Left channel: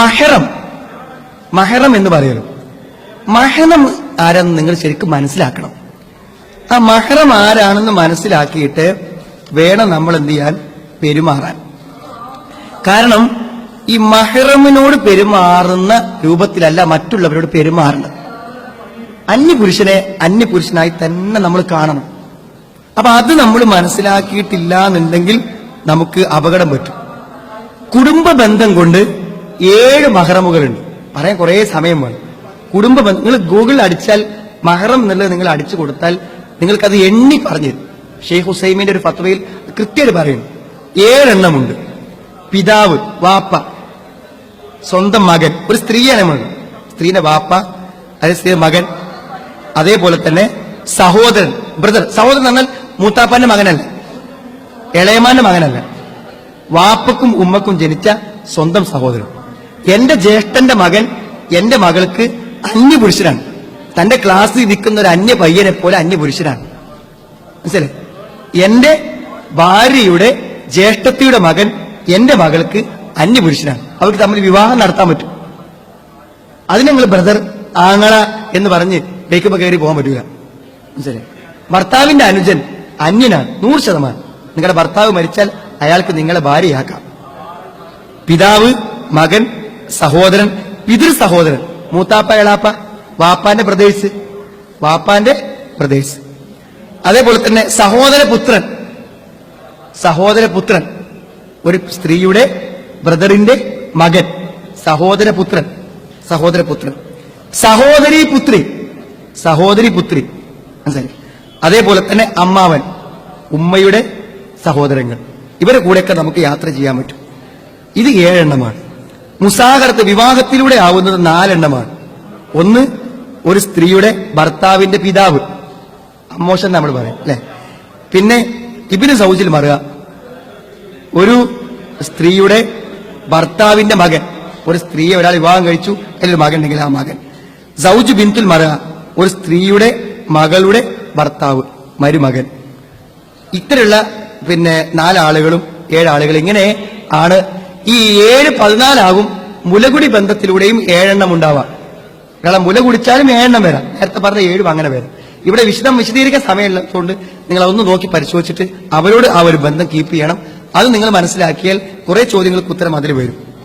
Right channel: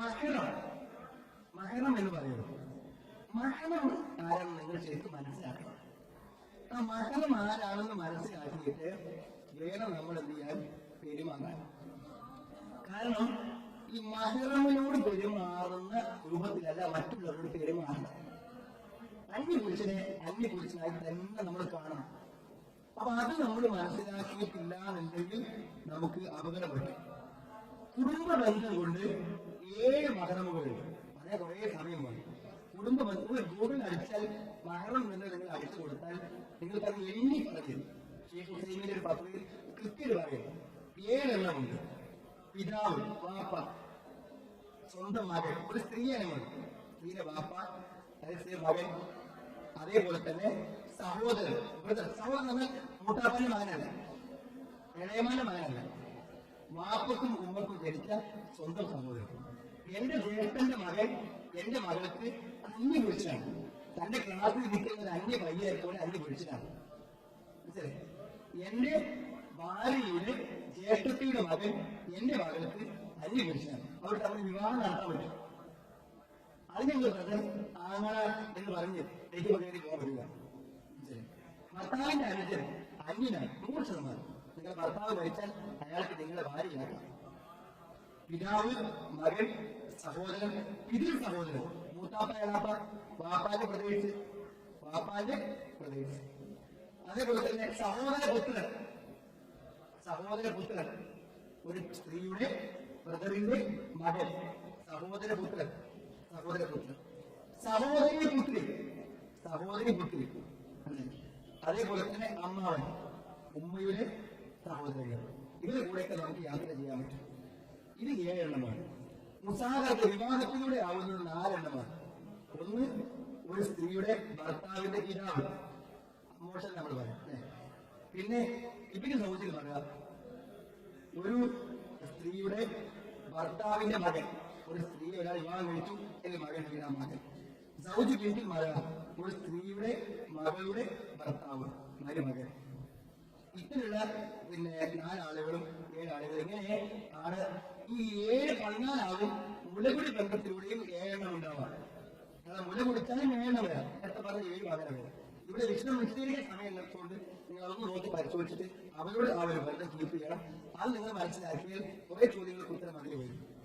മഹറം എന്ന് പറയുന്നു. മഹറം ആരാണെന്ന് നിങ്ങൾ ശരിക്കും മനസ്സിലാക്കണം. ആ മഹറം ആരാണെന്ന് മനസ്സിലാക്കിയിട്ട് വേണം നമ്മൾ എന്ത് ചെയ്യാൻ, പെരുമാറാൻ. കാരണം ഈ മഹറമിനോട് പെരുമാറുന്ന രൂപത്തിലല്ല മറ്റുള്ളവരോട് പെരുമാറുന്നത്. അന്യപുരുഷനെ അന്യപുരുഷനായി തന്നെ നമ്മൾ കാണണം. അപ്പൊ അത് നമ്മൾ മനസ്സിലാക്കിയിട്ടില്ല എന്നുണ്ടെങ്കിൽ നമുക്ക് അപകടം പറ്റും. കുടുംബ ബന്ധം കൊണ്ട് 7 മഹറമുകളുണ്ട്. പറയാൻ കുറെ സമയം വേണം. കുടുംബ ബന്ധം നിങ്ങൾ ഗൂഗിളിൽ അടിച്ചാൽ മഹറം എന്നുള്ളത് നിങ്ങൾ അടിച്ചു കൊടുത്താൽ നിങ്ങൾക്കത് എണ്ണി പറഞ്ഞു തരും. ഷെയ്ഖ് ഹുസൈമിന്റെ ഒരു ഫത്വയിൽ കൃത്യമായിട്ട് പറയുന്നു. 7 എണ്ണമുണ്ട്. പിതാവ്, വാപ്പ, സ്വന്തം മകൻ, ഒരു സ്ത്രീയാണ് മകൻ, സ്ത്രീന്റെ വാപ്പ, അതേ സ്ത്രീ മകൻ, അതേപോലെ തന്നെ സഹോദരൻ, ബ്രദർ. സഹോദരൻ എന്നാൽ മൂത്താപ്പാന്റെ മകനല്ല, ഇളയമാന്റെ മകനല്ല, വാപ്പക്കും ഉമ്മക്കും ജനിച്ച സ്വന്തം സഹോദരൻ. എന്റെ ജ്യേഷ്ഠന്റെ മകൻ എന്റെ മകൾക്ക് അന്യപുരുഷനാണ്. തന്റെ ക്ലാസ്സിൽ നിൽക്കുന്ന ഒരു അന്യ പയ്യനെ പോലെ അന്യപുരുഷനാണ്. മനസ്സിലായി? എന്റെ ഭാര്യയുടെ ജ്യേഷ്ഠത്തിയുടെ മകൻ എന്റെ മകൾക്ക് അന്യപുരുഷനാണ്. അവർക്ക് തമ്മിൽ വിവാഹം നടത്താൻ പറ്റും. അതിന് നിങ്ങൾ ബ്രദർ, ആങ്ങള എന്ന് പറഞ്ഞ് ബേക്കുമ്പോ കയറി പോകാൻ പറ്റൂല. മനസ്സിലായി? ഭർത്താവിന്റെ അനുജൻ അന്യനാണ് 100%. നിങ്ങളുടെ ഭർത്താവ് മരിച്ചാൽ അയാൾക്ക് നിങ്ങളെ ഭാര്യയാക്കാം. പിതാവ്, മകൻ, സഹോദരൻ, പിതൃ സഹോദരൻ, മൂത്താപ്പ, എളാപ്പ, വാപ്പാന്റെ പ്രദേശ്. അതേപോലെ തന്നെ സഹോദരപുത്രൻ, ഒരു സ്ത്രീയുടെ ബ്രദറിന്റെ മകൻ, സഹോദരപുത്രൻ. സഹോദരി പുത്രി. മനസ്സിലായി? അതേപോലെ തന്നെ അമ്മാവൻ, ഉമ്മയുടെ സഹോദരങ്ങൾ. ഇവരെ കൂടെയൊക്കെ നമുക്ക് യാത്ര ചെയ്യാൻ പറ്റും. ഇത് 7 എണ്ണമാണ്. മുസാഹറത്ത് വിവാഹത്തിലൂടെ ആവുന്നത് 4 എണ്ണമാണ്. ഒന്ന്, ഒരു സ്ത്രീയുടെ ഭർത്താവിന്റെ പിതാവ്, അമ്മോഷൻ നമ്മൾ പറയും അല്ലെ. പിന്നെ ഇബ്നു സൗജിൽ മറുക, ഒരു സ്ത്രീയുടെ ഭർത്താവിന്റെ മകൻ. ഒരു സ്ത്രീയെ ഒരാൾ വിവാഹം കഴിച്ചു, അതിലൊരു മകൻ ഉണ്ടെങ്കിൽ ആ മകൻ. സൗജ് ബിൻതുൽ മറുക, ഒരു സ്ത്രീയുടെ മകളുടെ ഭർത്താവ്, മരുമകൻ. ഇത്തരമുള്ള 4 ആളുകളും 7 ആളുകൾ. ഇങ്ങനെ ആണ് ഈ 7 14 ആകും. മുലകുടി ബന്ധത്തിലൂടെയും 7 എണ്ണം ഉണ്ടാവാം. കാരണം മുല കുടിച്ചാലും 7 എണ്ണം വരാം. നേരത്തെ പറഞ്ഞ 7 അങ്ങനെ വരാം. ഇവിടെ വിശദീകരിക്കാൻ സമയമുള്ളതുകൊണ്ട് നിങ്ങൾ അതൊന്ന് നോക്കി പരിശോധിച്ചിട്ട് അവരോട് ആ ഒരു ബന്ധം കീപ്പ് ചെയ്യണം. അത് നിങ്ങൾ മനസ്സിലാക്കിയാൽ കുറെ ചോദ്യങ്ങൾക്ക് ഉത്തരം അതിൽ വരും.